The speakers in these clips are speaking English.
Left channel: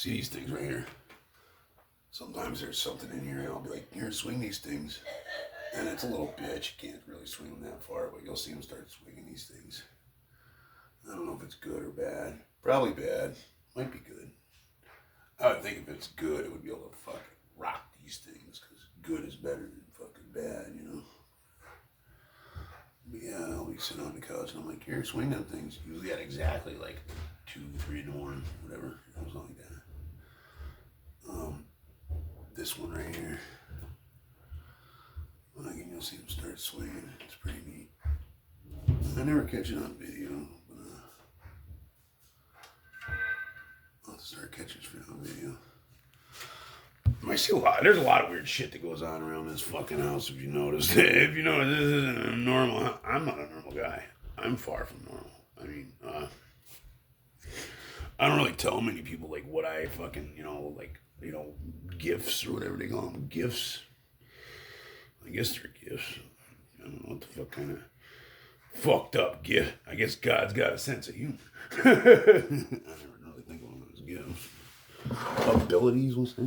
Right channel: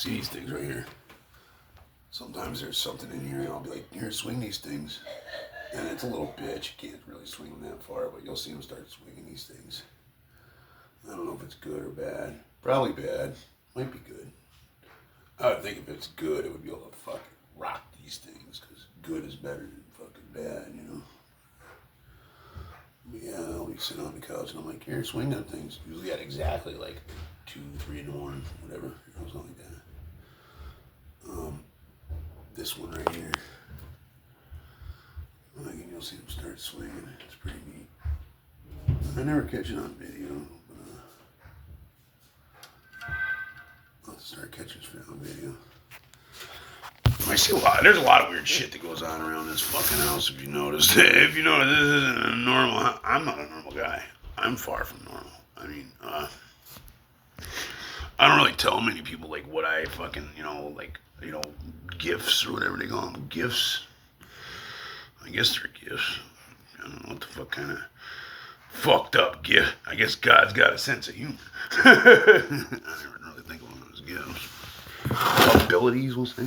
See these things right here? Sometimes there's something in here and I'll be like, here, swing these things. And it's a little bitch. You can't really swing them that far, but you'll see them start swinging these things. I don't know if it's good or bad. Probably bad. Might be good. I would think if it's good, it would be able to fucking rock these things, because good is better than fucking bad, you know? But yeah, I'll be sitting on the couch and I'm like, here, swing them things. Usually at exactly like 2, 3 in the morning, whatever. It was like that. This one right here. Again, you'll see them start swinging. It's pretty neat. I never catch it on video, but I'll have to start catching shit on video. I see a lot. There's a lot of weird shit that goes on around this fucking house. If you notice, if you notice, this isn't a normal. I'm not a normal guy. I'm far from normal. I mean, I don't really tell many people like what I fucking, gifts or whatever they call them. Gifts. I guess they're gifts. I don't know what the fuck kind of fucked up gift. I guess God's got a sense of humor. I never really think of them as gifts. Abilities, we'll say.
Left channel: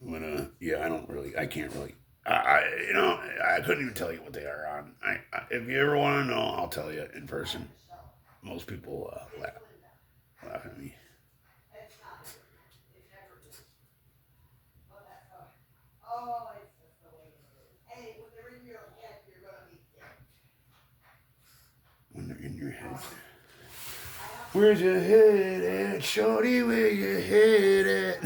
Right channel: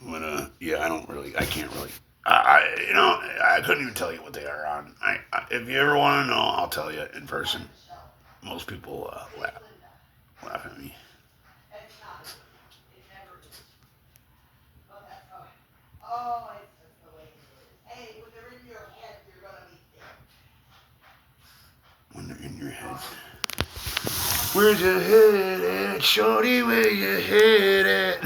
But yeah, I can't really. I couldn't even tell you what they are on. If you ever want to know, I'll tell you in person. Most people laugh at me. When they're in your head. Where's your head at, shorty? Where your head at?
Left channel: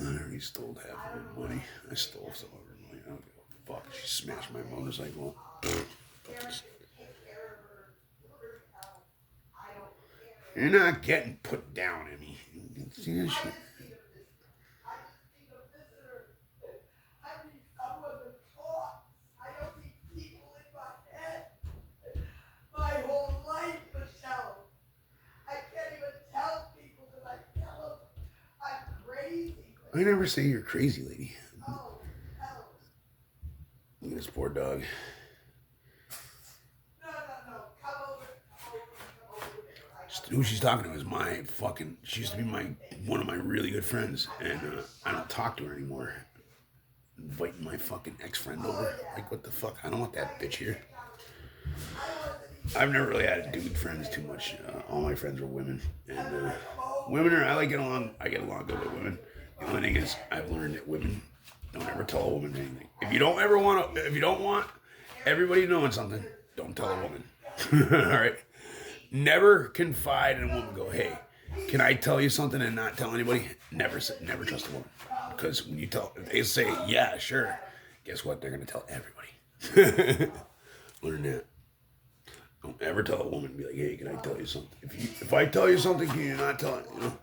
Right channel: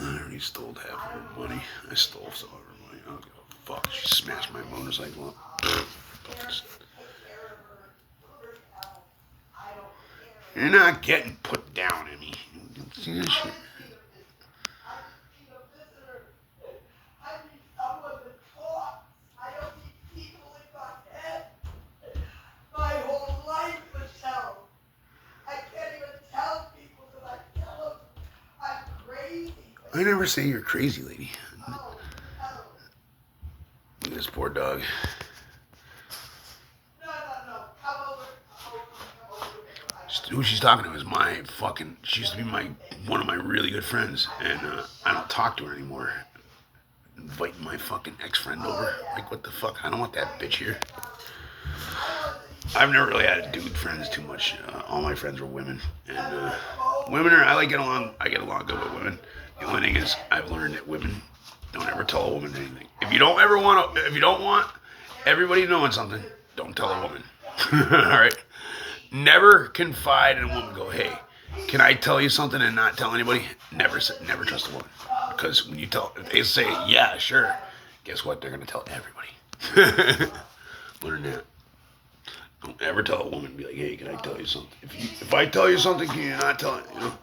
I already stole half of her money. I stole some of her money. I don't give a fuck. She smashed my motorcycle up. You're not getting put down, Emmy. See this shit? I never say you're crazy, lady. Look at this poor dog. Who she's talking to is my fucking. She used to be one of my really good friends, and I don't talk to her anymore. Inviting my fucking ex-friend over. Like, what the fuck? I don't want that bitch here. I've never really had dude friends too much. All my friends were women, and women are. I get along good with women. The only thing is, I've learned that women don't ever tell a woman anything. If you don't want everybody knowing something, don't tell a woman. All right. Never confide in a woman. Go, hey, can I tell you something and not tell anybody? Never trust a woman. Because when if they say, yeah, sure, guess what? They're going to tell everybody. Learn that. Don't ever tell a woman, be like, hey, can I tell you something? If I tell you something, can you not tell it? You know?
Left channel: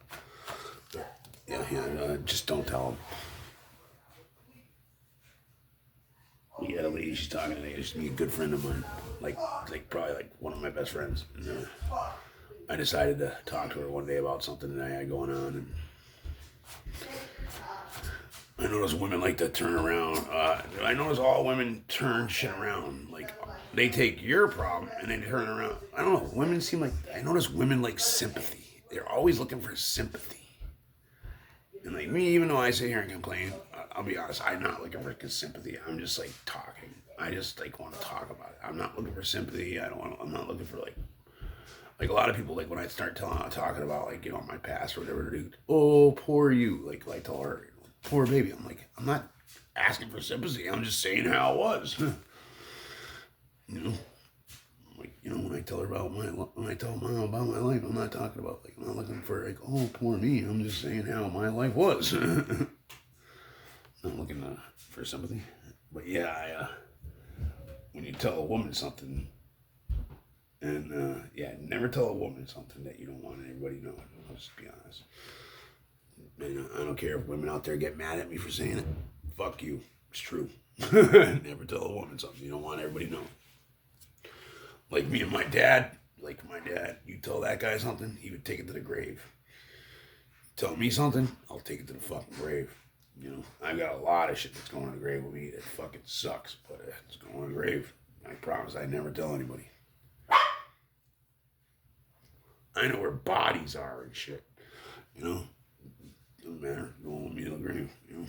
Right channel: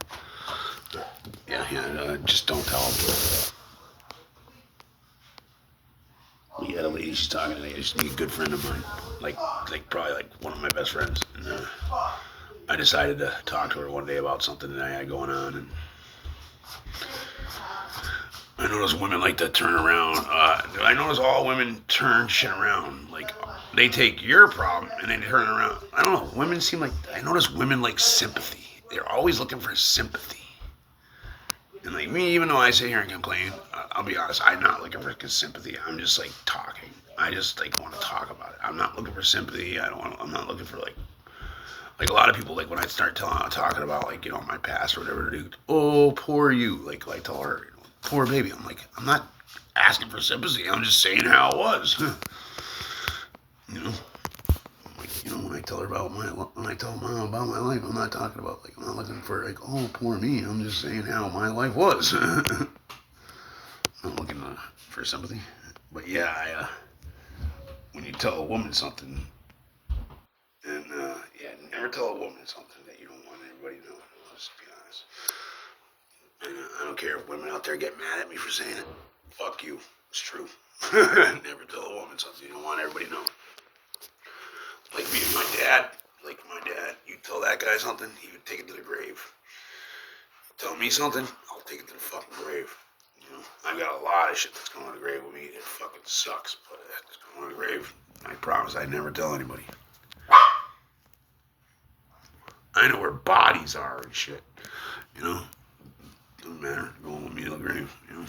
Yeah, just don't tell them. We had a lady, she's talking to me, she's a good friend of mine, like probably one of my best friends. And I decided to talk to her one day about something that I had going on, and I notice women like to turn around. I notice all women turn shit around. Like, they take your problem and then turn it around. I don't know. Women seem like, I notice women like sympathy. They're always looking for sympathy. And like me, even though I sit here and complain, I'll be honest, I'm not looking for sympathy. I'm just like talking. I just like want to talk about it. I'm not looking for sympathy. I'm not looking for like a lot of people, like when I start talking about like, my past or whatever, dude, oh, poor you. Like I tell her, poor baby. I'm like, I'm not asking for sympathy. I'm just saying how it was. When I tell her when I tell mom about my life, I'm not talking about I'm not looking for oh, poor me. I'm just saying how my life was. I'm not looking for sympathy. But yeah, when you tell a woman something, and never tell a woman something that you don't want everybody to know. Let's be honest. And I don't care if women out there get mad at me for saying it. Fuck you. It's true. Never tell a woman something you don't want everybody to know. Like me and my dad, you tell that that guy something, he would take it to the grave. Tell me something, I'll take it to the fucking grave. You know, I got a lot of shit that's going to the grave with me that fucking sucks, but it's going to the grave. I promise I never tell anybody. I know where bodies are and shit. You know, doesn't matter. Going with me to the grave. You know,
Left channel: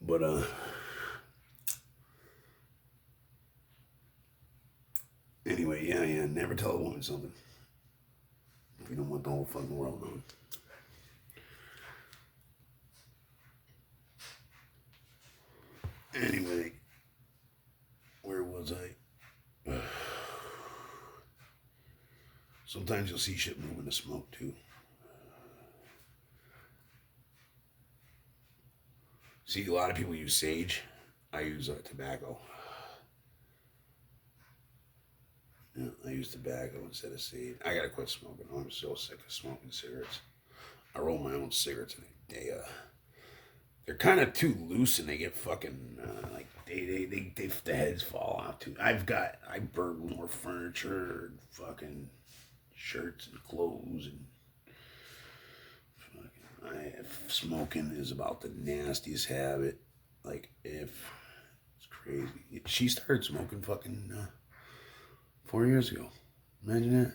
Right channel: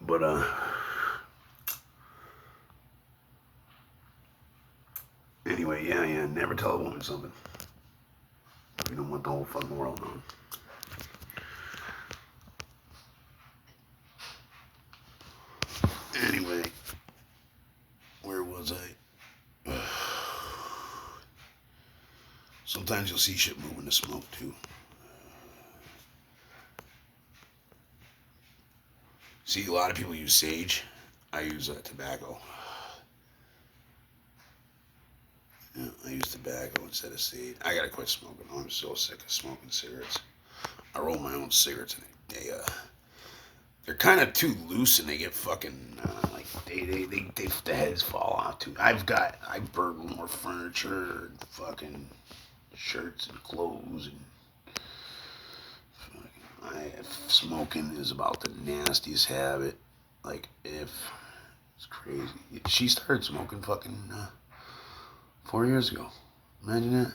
but anyway, yeah. Never tell a woman something. You don't want the whole fucking world knowing. Anyway, where was I? Sometimes you'll see shit move in the smoke too. See, a lot of people use sage. I use tobacco. Yeah, I use tobacco instead of sage. I gotta quit smoking. I'm so sick of smoking cigarettes. I roll my own cigarettes and they're kind of too loose and they get fucking like the heads fall off too. I burn more furniture and fucking shirts and clothes and smoking is about the nastiest habit. Like if it's crazy. She started smoking fucking 4 years ago. Imagine that.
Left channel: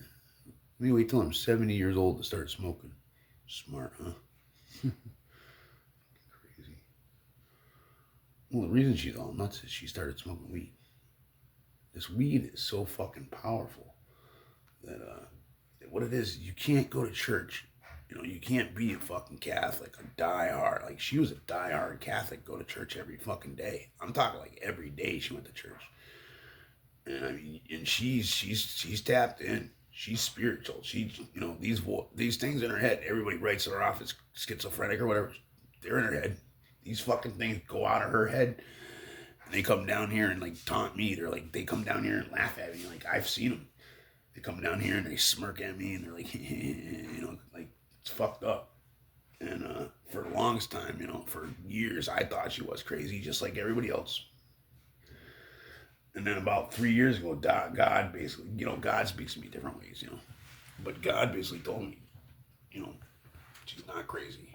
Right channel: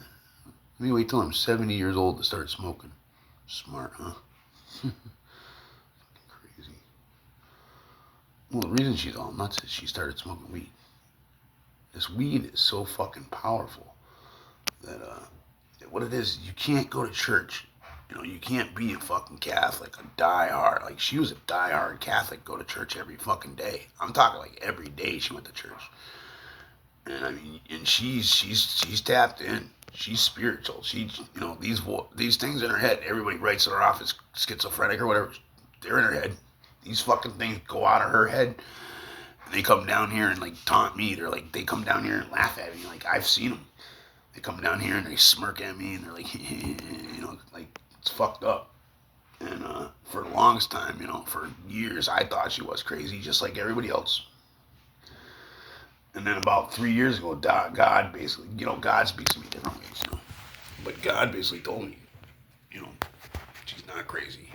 Let me wait till I'm 70 years old to start smoking. Smart, huh? Crazy. Well, the reason she's all nuts is she started smoking weed. This weed is so fucking powerful that what it is, you can't go to church. You know, you can't be a fucking Catholic, a diehard. Like, she was a diehard Catholic, go to church every fucking day. I'm talking like every day she went to church. And I mean, and she's tapped in. She's spiritual. She, you know, these things in her head. Everybody writes her off as schizophrenic or whatever. They're in her head. These fucking things go out of her head. And they come down here and like taunt me. They come down here and laugh at me. Like, I've seen them. They come down here and they smirk at me and they're like, you know, like, it's fucked up. And for the longest time, you know, for years, I thought she was crazy, just like everybody else. And then about 3 years ago, God basically, you know, God speaks to me different ways, you know. But God basically told me, you know, she's not crazy.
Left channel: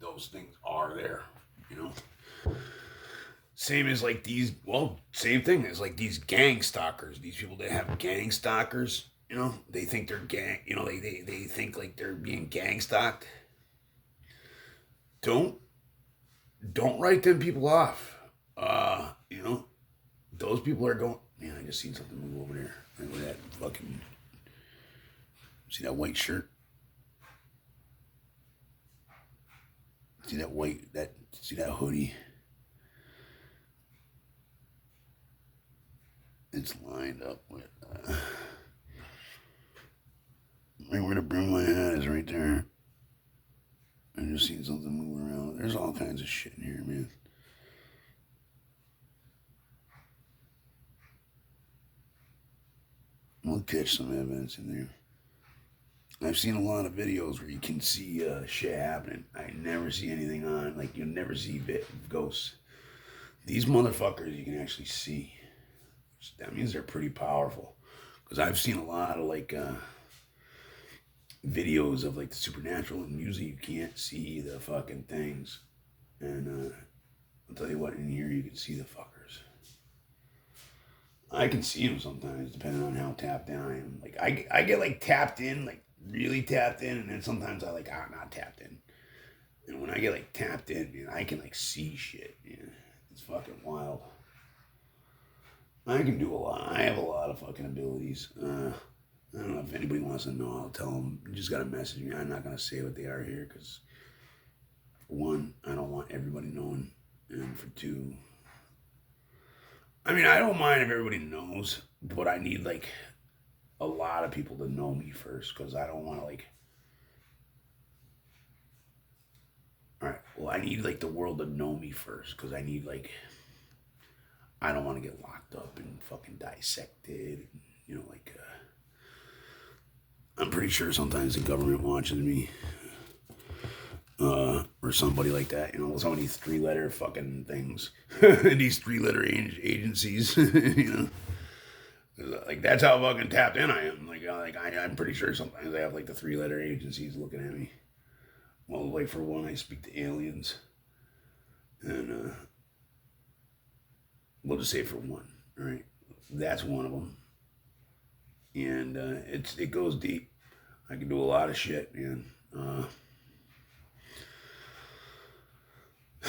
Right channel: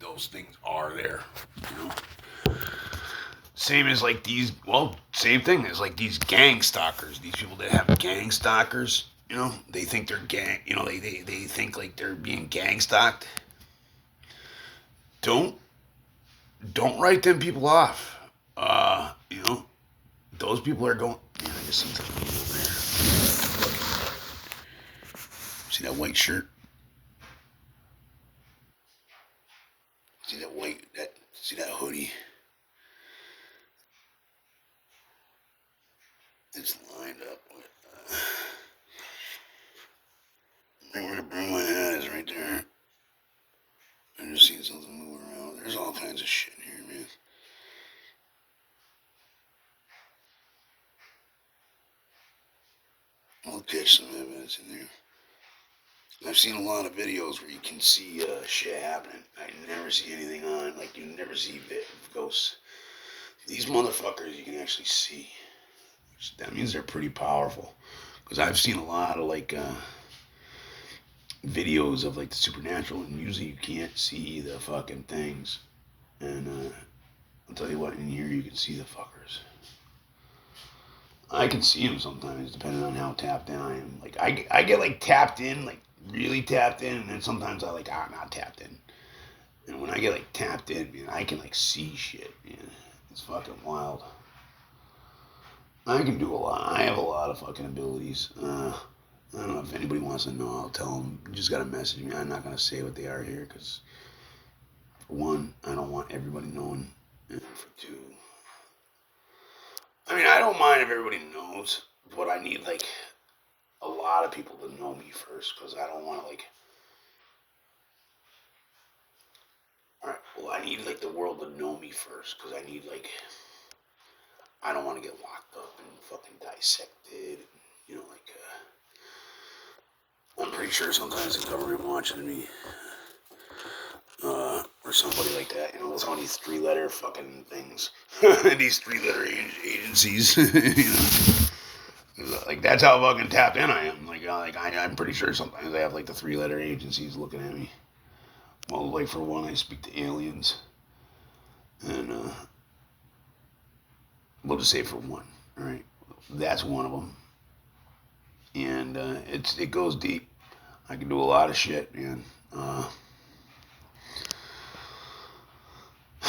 Those things are there, you know. Same as like same thing as like these gang stalkers. These people that have gang stalkers, you know, they think they're gang, you know, they think like they're being gang stalked. Don't write them people off. You know, those people are going. Man, I just seen something over there. See that white shirt? See that hoodie? It's lined up with right where the broom my hat is, right there. I just seen something moving around. There's all kinds of shit in here, man. We'll catch some evidence in there. I've seen a lot of videos where you can see shit happening. I never see anything on, like you never see ghosts. These motherfuckers you can actually see. That means they're pretty powerful. Because I've seen a lot of like videos of like the supernatural, and usually you can't see the fucking things. And I'll tell you what, in here you can see the fuckers. I can see them sometimes, depending on how tapped in I am. Like I get like tapped in, like really tapped in, and then sometimes I'm not tapped in. And when I get like tapped in, man, I can like see shit. Man. It's fucking wild. I can do a lot. I have a lot of fucking abilities. I don't know if anybody wants to know. I'll tell them. You just gotta message me. I'm not gonna say what they are here because, for one, I don't want everybody knowing, and for two, I mean, I don't mind if everybody knows, but I need like a lot of people to know me first because I don't want to like. All right. Well, I need like the world to know me first because I need like. I don't want to get locked up and fucking dissected. You know, like, I'm pretty sure sometimes the government watches me. Or somebody like that. You know, some of these 3-letter fucking things. These 3-letter agencies. You know? Like, that's how fucking tapped in I am. I'm pretty sure sometimes I have like the 3-letter agencies looking at me. Well, like for one, I speak to aliens, and we'll just say for one, all right? That's one of them, and it goes deep. I can do a lot of shit, man.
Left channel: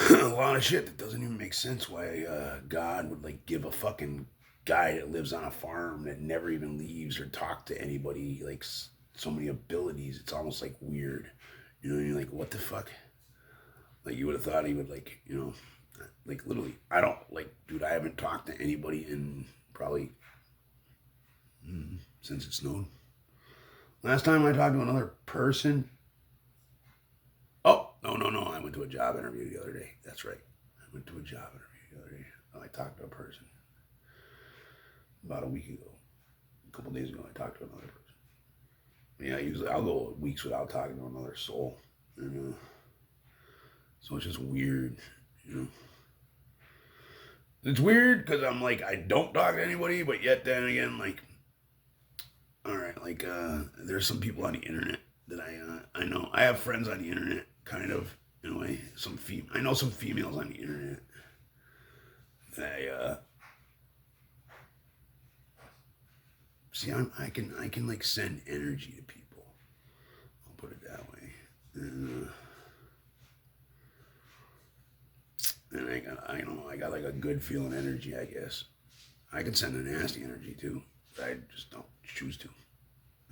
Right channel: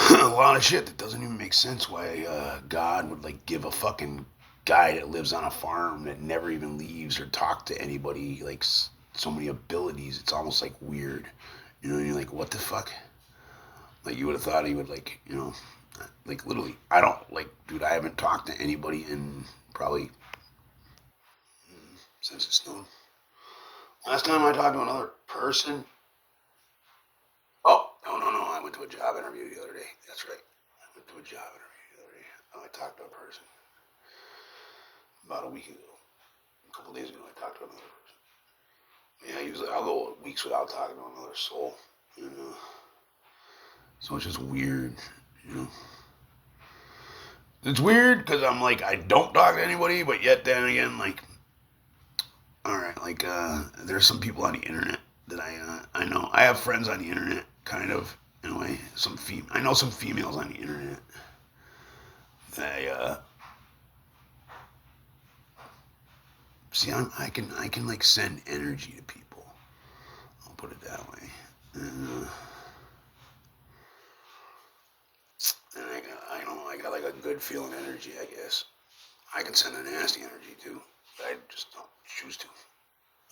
A lot of shit that doesn't even make sense. Why God would like give a fucking guy that lives on a farm that never even leaves or talk to anybody like so many abilities. It's almost like weird, you know. And you're like, what the fuck? Like you would have thought he would like, you know, like literally. I don't like, dude. I haven't talked to anybody in probably since it snowed. Last time I talked to another person. Oh, no. I went to a job interview the other day. That's right. I went to a job interview the other day. I talked to a person about a week ago. A couple days ago, I talked to another person. Yeah, usually I'll go weeks without talking to another soul. And, so it's just weird, you know. It's weird because I'm like, I don't talk to anybody, but yet then again, like, all right, like, there's some people on the internet that I know. I have friends on the internet, kind of, in a way. I know some females on the internet. They, see, I can like send energy to people. I'll put it that way. And I don't know, I got like a good feeling energy, I guess. I can send a nasty energy too. But I just don't choose to.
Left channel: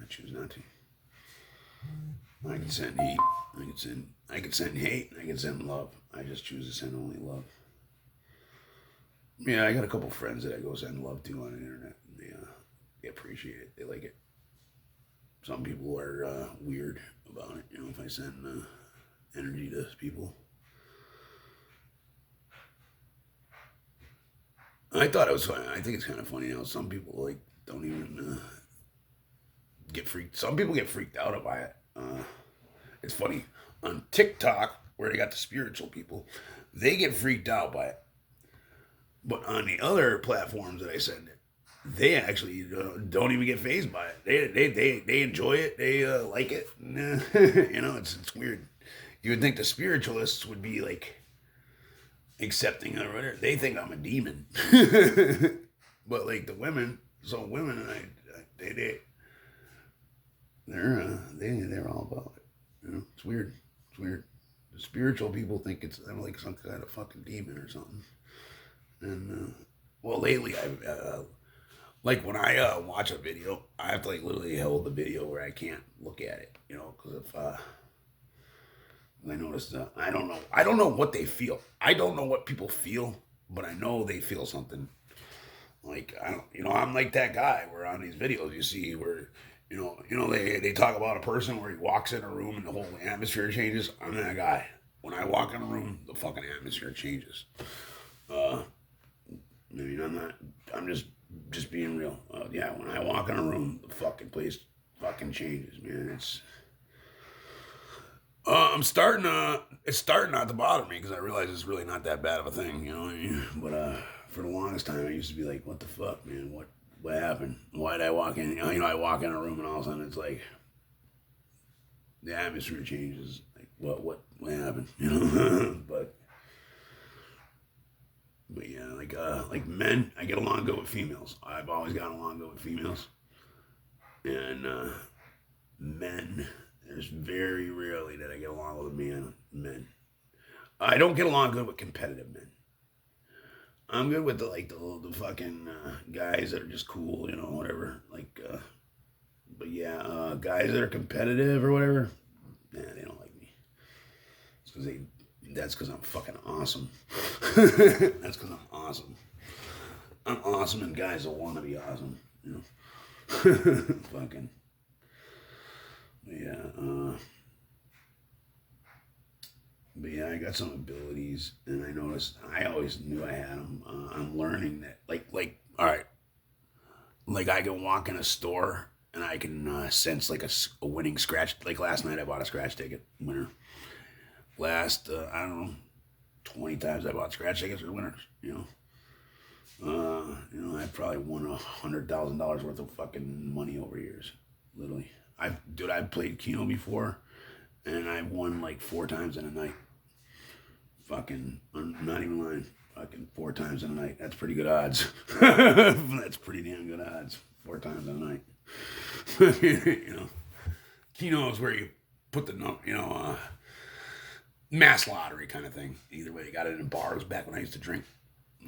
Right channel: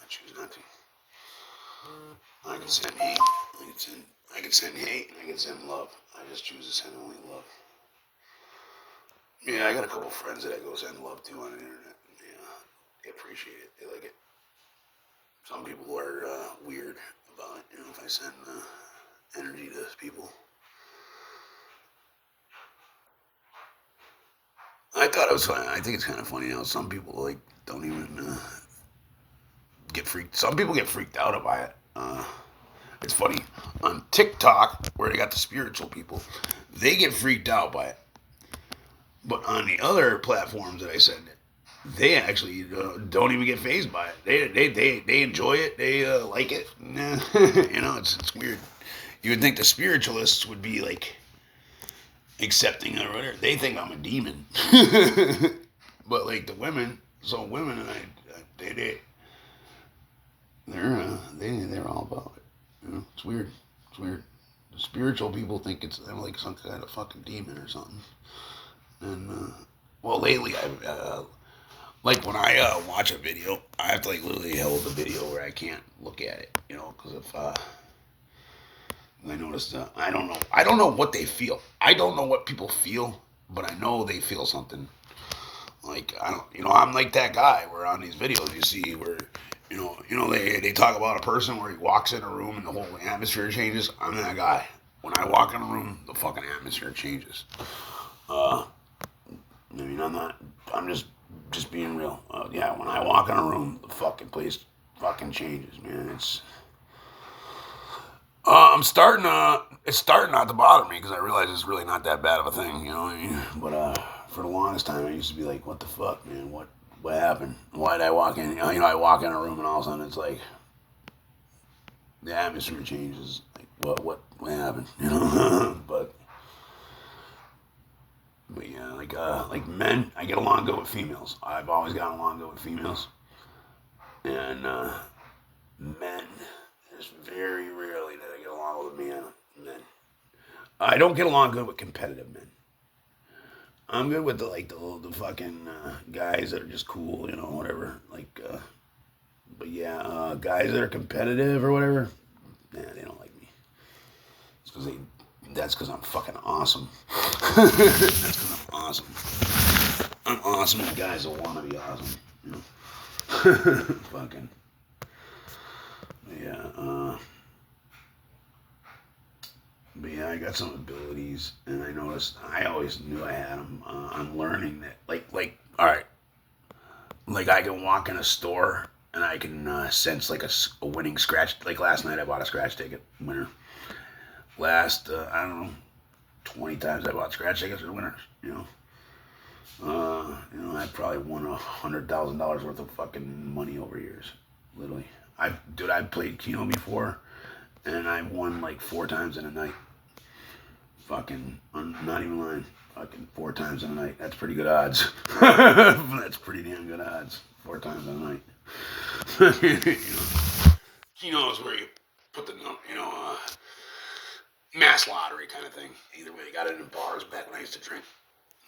I choose not to. I can send hate. I can send hate. I can send love. I just choose to send only love. Yeah, I got a couple friends that I go send love to on the internet. Yeah, they appreciate it. They like it. Some people are weird about it. You know, if I send energy to people. I thought it was funny. I think it's kind of funny how some people like don't even get freaked. Some people get freaked out by it. It's funny on TikTok where they got the spiritual people, they get freaked out by it. But on the other platforms that I send it, they actually don't even get phased by it. They enjoy it. They like it. You know, it's weird. You would think the spiritualists would be like accepting or whatever. They think I'm a demon. But like the women, so women and they're all about it. You know, it's weird. It's weird. The spiritual people think I'm like some kind of fucking demon or something. And well, lately like when I watch a video, I have to like literally hold the video where I can't look at it. You know, because if I noticed I don't know what they feel. I don't know what people feel, but I know they feel something. Like I don't, you know, I'm like that guy where on these videos you see where, they talk about a person where he walks in a room and the whole atmosphere changes. I'm that guy. When I walk in a room, the fucking atmosphere changes. I mean, I'm not. I'm just being real. Yeah, when I walk in a room, the fucking place fucking changes, man. It's. I'm starting. It's starting not to bother me because I realize it's really not that bad of a thing, you know what I mean? But for the longest time, I used to be like, "What the fuck, man? What happened? Why did I walk in? You know, I walk in a room and all of a sudden it's like the atmosphere changes. Like, what happened? You know? But yeah, like men, I get along good with females. I've always gotten along good with females, and men. There's very rarely that I get along with men. I don't get along good with competitive men. I'm good with the fucking guys that are just cool, you know, whatever. But yeah, guys that are competitive or whatever, nah, they don't like me. It's because they. That's because I'm fucking awesome. That's because I'm awesome. I'm awesome, and guys will want to be awesome. You know? Fucking. Yeah. But yeah, I got some abilities, and I noticed. I always knew I had them. I'm learning that. All right. Like I can walk in a store and I can sense like a winning scratch. Like last night, I bought a scratch ticket winner. Last I don't know, 20 times I bought scratch tickets for winners. You know, I probably won $100,000 worth of fucking money over years. Literally. I played Keno before, and I won like 4 times in a night. Fucking, I'm not even lying. Fucking 4 times in a night. That's pretty good odds. That's pretty damn good odds. 4 times in a night. Keno is where you put the, mass lottery kind of thing. Either way, they got it in bars back when I used to drink.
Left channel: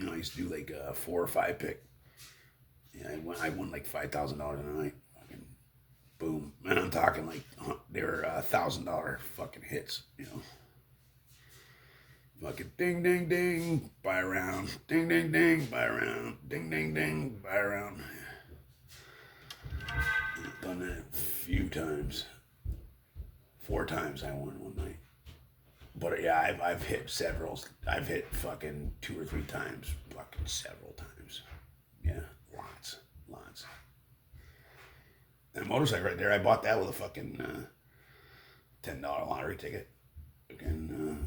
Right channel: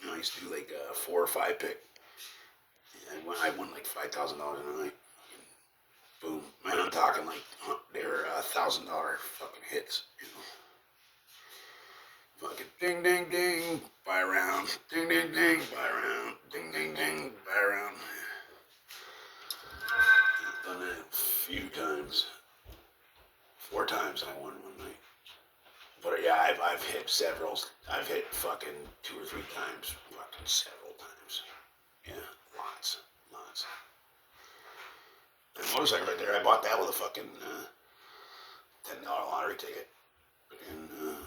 I used to do like a 4 or 5 pick. Yeah, I won like $5,000 in a night. Fucking boom. And I'm talking like they were $1,000 fucking hits. Fucking ding ding ding, buy a round. Ding ding ding, buy a round. Ding ding ding, buy a round. Done that a few times. 4 times I won one night. But yeah, I've hit several. I've hit fucking 2 or 3 times. Fucking several times. Yeah, lots. That motorcycle right there, I bought that with a fucking $10 lottery ticket. Fucking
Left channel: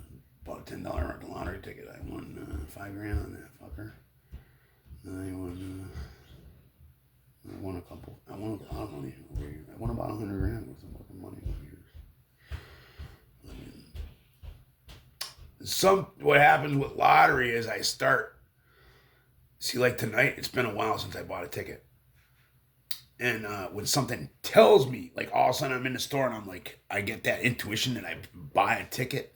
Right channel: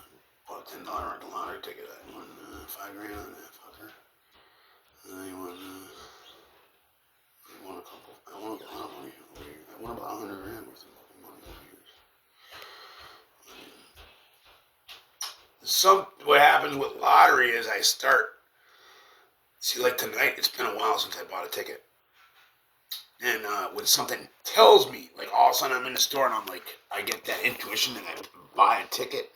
bought a $10 lottery ticket. I won $5,000 on that fucker. And I won a couple. I won a lot of money over here. I won about $100,000 worth of fucking money over years. What happens with lottery is I start. See, like tonight, it's been a while since I bought a ticket. And when something tells me, like all of a sudden I'm in the store and I'm like, I get that intuition that I buy a ticket.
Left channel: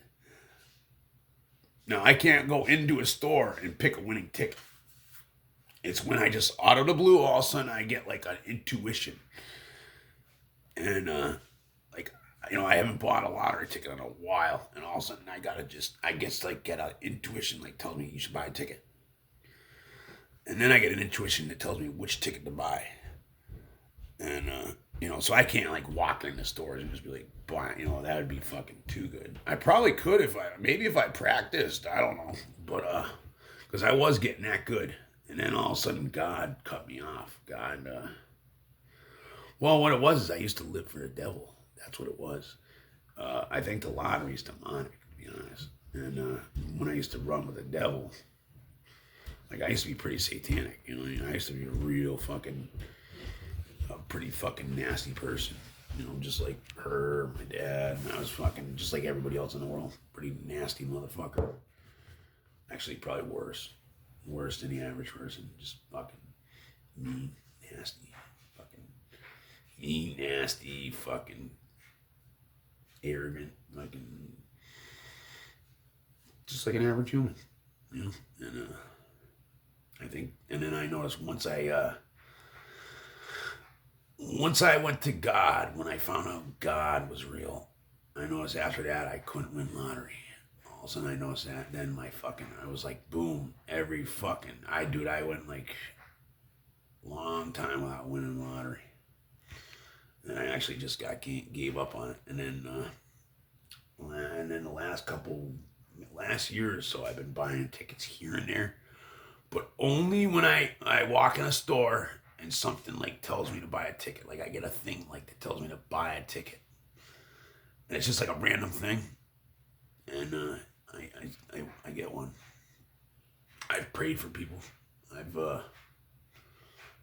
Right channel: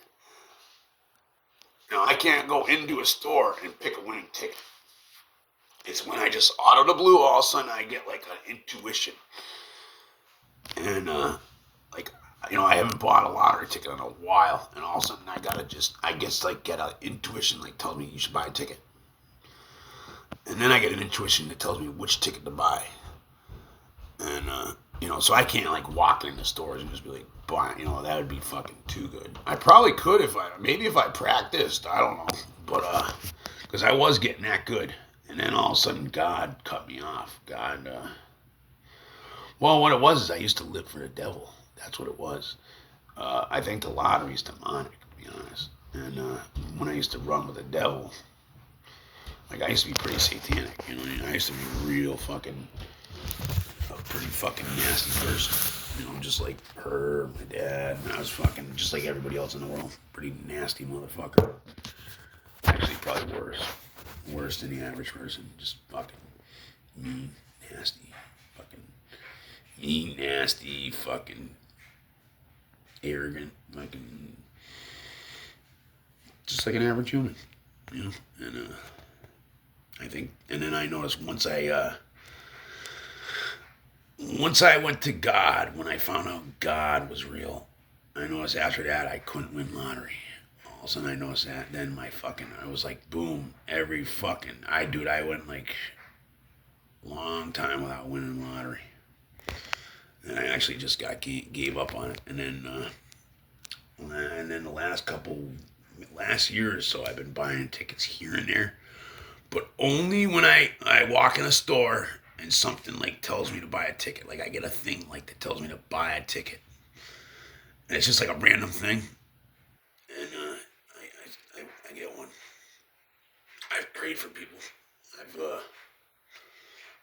Now, I can't go into a store and pick a winning ticket. It's when I just, out of the blue, all of a sudden I get like an intuition. And I haven't bought a lottery ticket in a while. And all of a sudden I gotta get an intuition like tells me you should buy a ticket. And then I get an intuition that tells me which ticket to buy. And, so I can't like walk in the stores and just be like, buying, that would be fucking too good. I probably could if I practiced, I don't know. But, because I was getting that good. And then all of a sudden God cut me off. What it was is I used to live for the devil. That's what it was. I think the lottery's demonic, to be honest. And when I used to run with the devil, like I used to be pretty satanic, I used to be a pretty fucking nasty person, just like her, my dad, and I was fucking just like everybody else in the world, pretty nasty motherfucker. Actually, probably worse than the average person, just fucking mean, nasty, fucking arrogant, fucking, just like an average human, and I think, and then I noticed once I went to God, when I found out God was real, I noticed after that I couldn't win lottery. All of a sudden I noticed that, then I was like, boom, I went like long time without winning lottery. And I actually just gave up on it. And then the last year or so, I've been buying tickets here and there, but only when I walk in a store and something like tells me to buy a ticket. Like I get a thing like that tells me to buy a ticket, and it's just like a random thing, and I get one. I've prayed for people.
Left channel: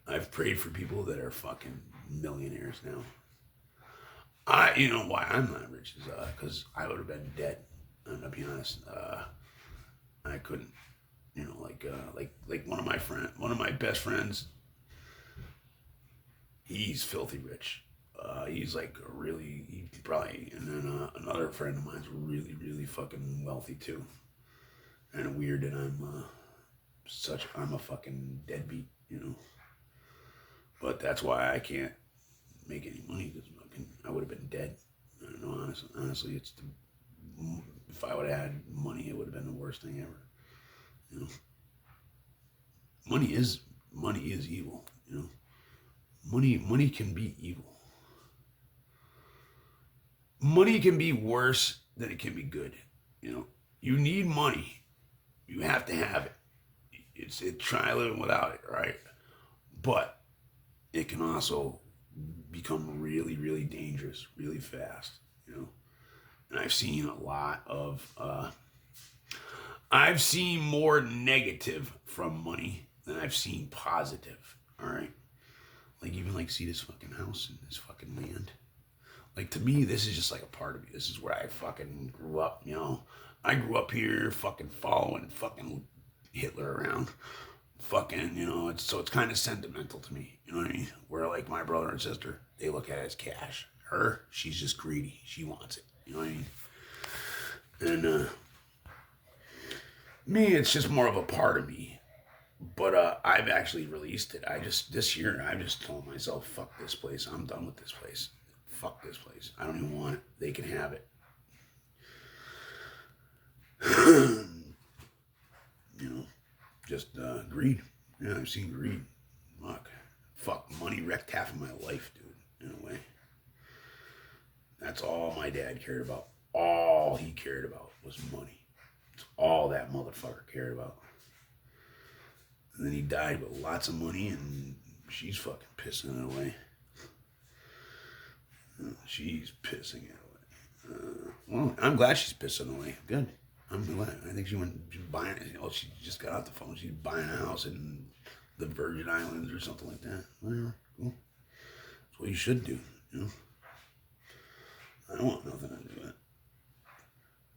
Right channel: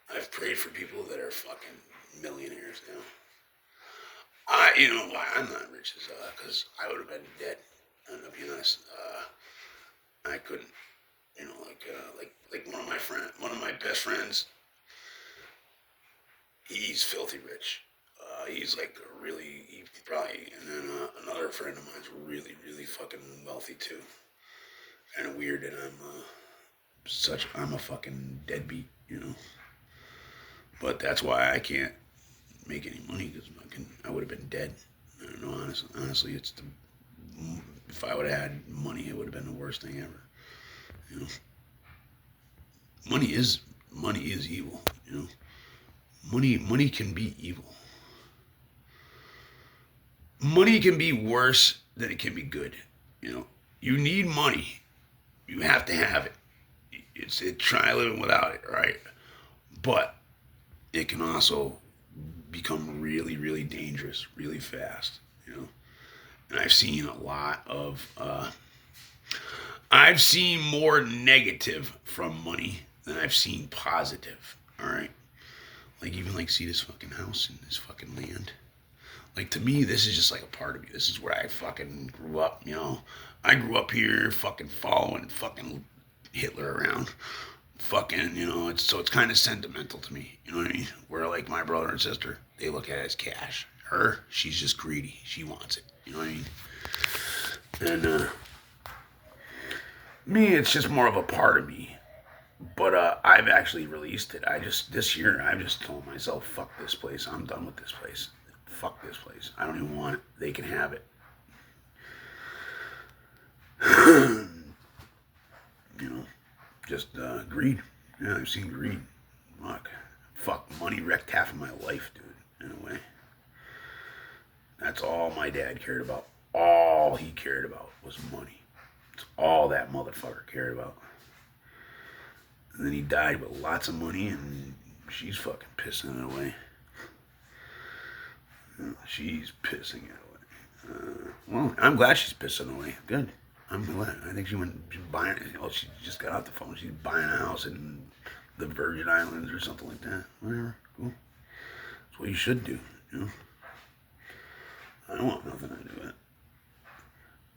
I've prayed for people that are fucking millionaires now. You know why I'm not rich is because I would have been dead. And to be honest, I couldn't. Like one of my best friends. He's filthy rich. He's like and then another friend of mine's really, really fucking wealthy too. Kind of weird that I'm a fucking deadbeat, But that's why I can't make any money because I would have been dead. I don't know, honestly, if I would have had money, it would have been the worst thing ever. Money is evil, Money can be evil. Money can be worse than it can be good. You need money. You have to have it. Try living without it, right? But it can also become really, really dangerous, really fast, And I've seen a lot of, I've seen more negative from money And I've seen positive, all right? Like, even like, see this fucking house and this fucking land. Like, to me, this is just like a part of me. This is where I fucking grew up, you know? I grew up here fucking following fucking Hitler around. Fucking, you know, it's kind of sentimental to me, you know what I mean? Where like my brother and sister, they look at it as cash. Her, she's just greedy. She wants it, you know what I mean? And me, it's just more of a part of me. But I've actually released it. This year, I just told myself, fuck this place. I'm done with this place. Fuck this place. I don't even want it. They can have it. You know, just greed. Yeah, I've seen greed. Fuck, money wrecked half of my life, dude, in a way. That's all my dad cared about. All he cared about was money. It's all that motherfucker cared about. And then he died with lots of money, and she's fucking pissing it away. She's pissing it away. Well, I'm glad she's pissing away. Good. I'm glad. I think she's buying. She just got off the phone. She's buying a house in the Virgin Islands or something like that. Whatever. Cool. That's what you should do. You know. I don't want nothing to do with it.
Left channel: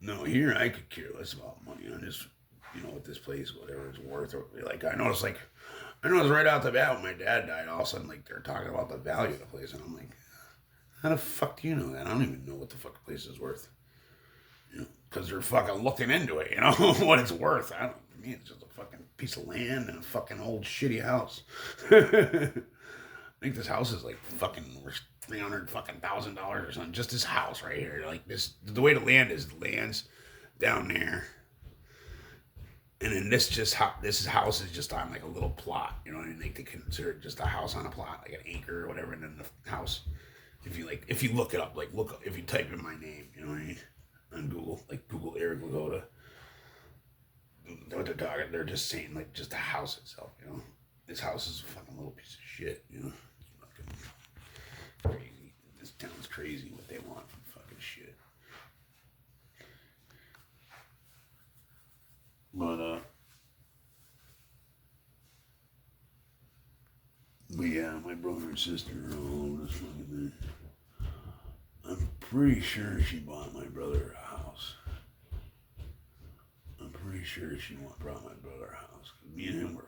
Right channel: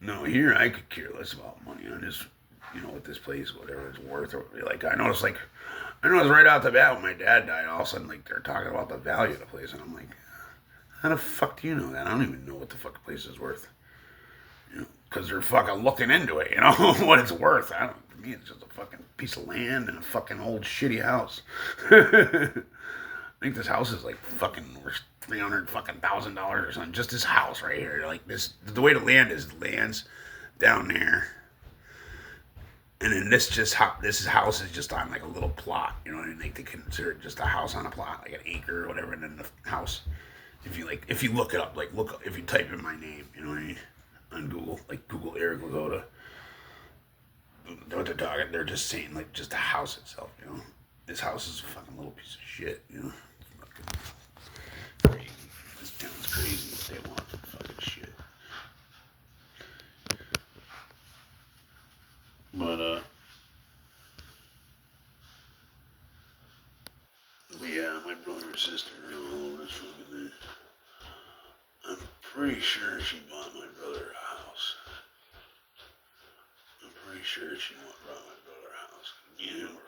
No, here I could care less about money. I just, you know, with this place, whatever it's worth. Or, like I noticed right out the bat when my dad died. All of a sudden, like they're talking about the value of the place, and I'm like, how the fuck do you know that? I don't even know what the fuck the place is worth. You know, because they're fucking looking into it, you know, what it's worth. To me, it's just a fucking piece of land and a fucking old shitty house. I think this house is like fucking worth $300,000 or something. Just this house right here. Like this, the way the land's down there. And then this house is just on like a little plot, you know what I mean? Like they consider it just a house on a plot, like an acre or whatever, and then the house. If you look it up, if you type in my name, you know what I mean, on Google, like Google Eric Lagoda, what they're talking, they're just saying like just the house itself, you know. This house is a fucking little piece of shit, you know. It's fucking crazy. This town's crazy what they want for fucking shit. But yeah, my brother and sister are all over this fucking thing. I'm pretty sure she bought my brother a house. I'm pretty sure she brought my brother a house. Me and him were.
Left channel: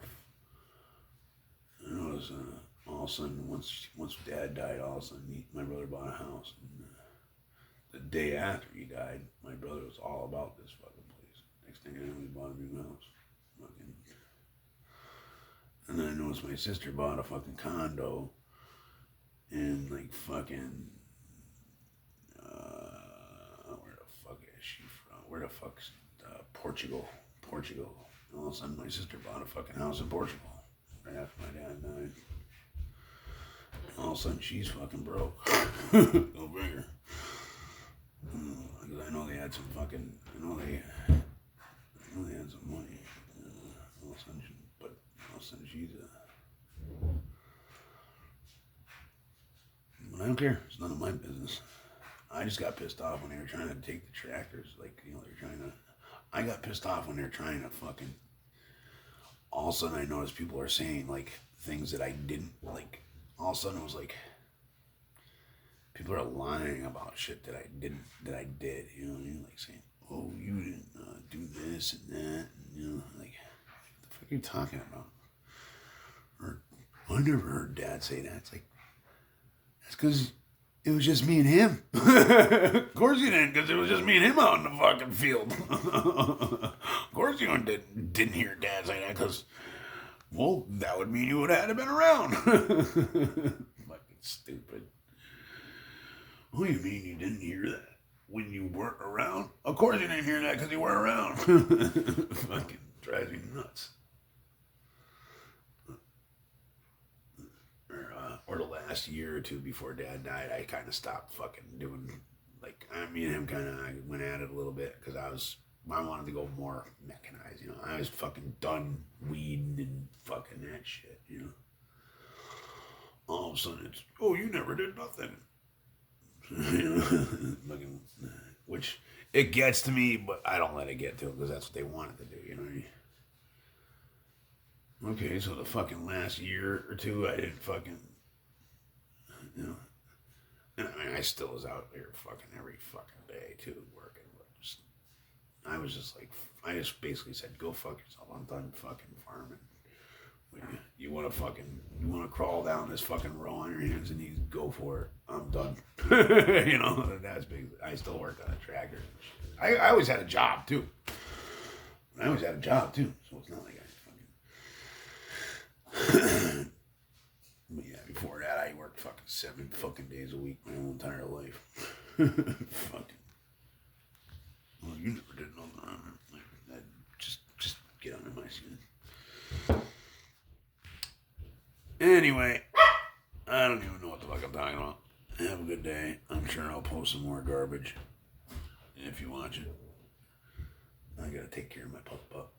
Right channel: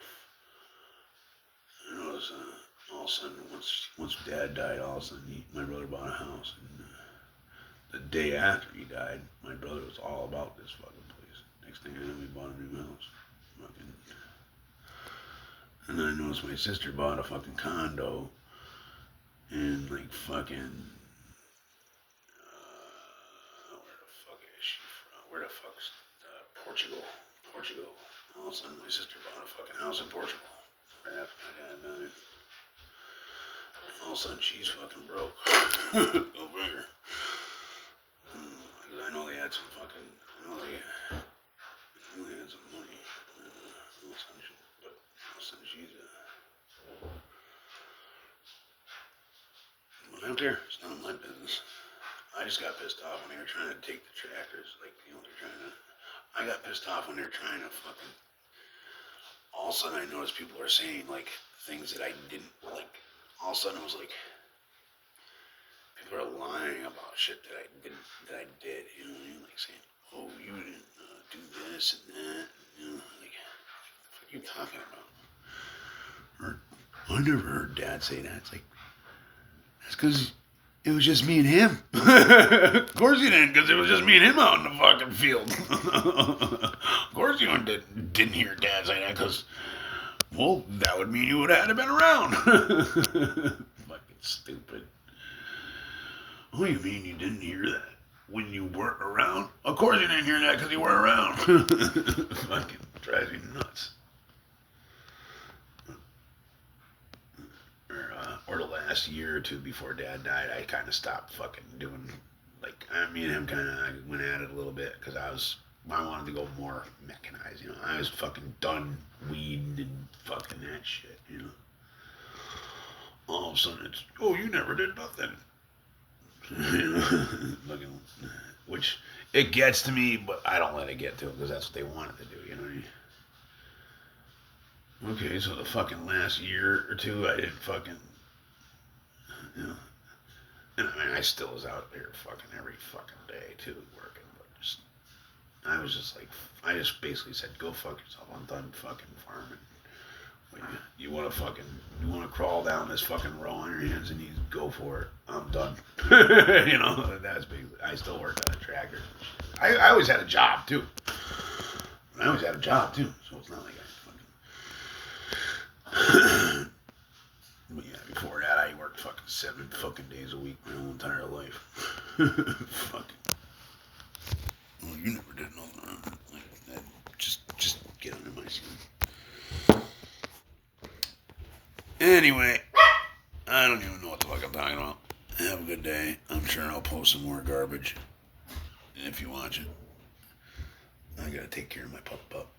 It was all of a sudden once Dad died, all of a sudden my brother bought a house, and the day after he died, my brother was all about this fucking place. Next thing I know, we bought a new house. Fucking. And then I noticed my sister bought a fucking condo in like fucking. Where the fuck is she from? Where the fuck's Portugal? Portugal. All of a sudden, my sister bought a fucking house in Portugal right after my dad died. All of a sudden, she's fucking broke. Go figure. I know they had some fucking. I know they had some money. All of a sudden, she's But I don't care. It's none of my business. I just got pissed off when they were trying to take the tractors. Like, you know, they're trying to. I got pissed off when they were trying to fucking. All of a sudden, I noticed people are saying, like, things that I didn't, like, all of a sudden it was like, people are lying about shit that I did, you know what I mean? Like saying, oh, you didn't do this and that, and, you know, like, what the fuck are you talking about? Or, I never heard Dad say that. It's like, that's because it was just me and him. Of course you didn't, because it was just me and him out in the fucking field. Of course you didn't hear Dad say that, because, well, that would mean you would have had to been around. Fucking stupid. What do you mean you didn't hear that when you weren't around? Of course you didn't hear that because you weren't around. Fucking drives me nuts. Or the last year or two before Dad died, I kind of stopped fucking doing, like, me and him kind of went at it a little bit because I wanted to go more mechanized, you know. I was fucking done weeding and fucking that shit, you know. All of a sudden it's, oh, you never did nothing. Fucking, which, it gets to me, but I don't let it get to it because that's what they wanted to do, you know what I mean? Okay, so the fucking last year or two, I didn't fucking, you know, and I mean, I still was out there fucking every fucking day too, working, but just, I was just like, I just basically said, go fuck yourself. I'm done fucking farming. You want to fucking, you want to crawl down this fucking row on your hands and knees, go for it. I'm done. You know, that's big. I still worked on a tractor. I always had a job too. I always had a job too, so it's not like I fucking. But yeah, before that, I worked fucking 7 fucking days a week my whole entire life. Fucking. Well, you never did nothing like that. Just get under my skin. Anyway, I don't even know what the fuck I'm talking about. Have a good day. I'm sure I'll post some more garbage if you watch it. I gotta take care of my pup.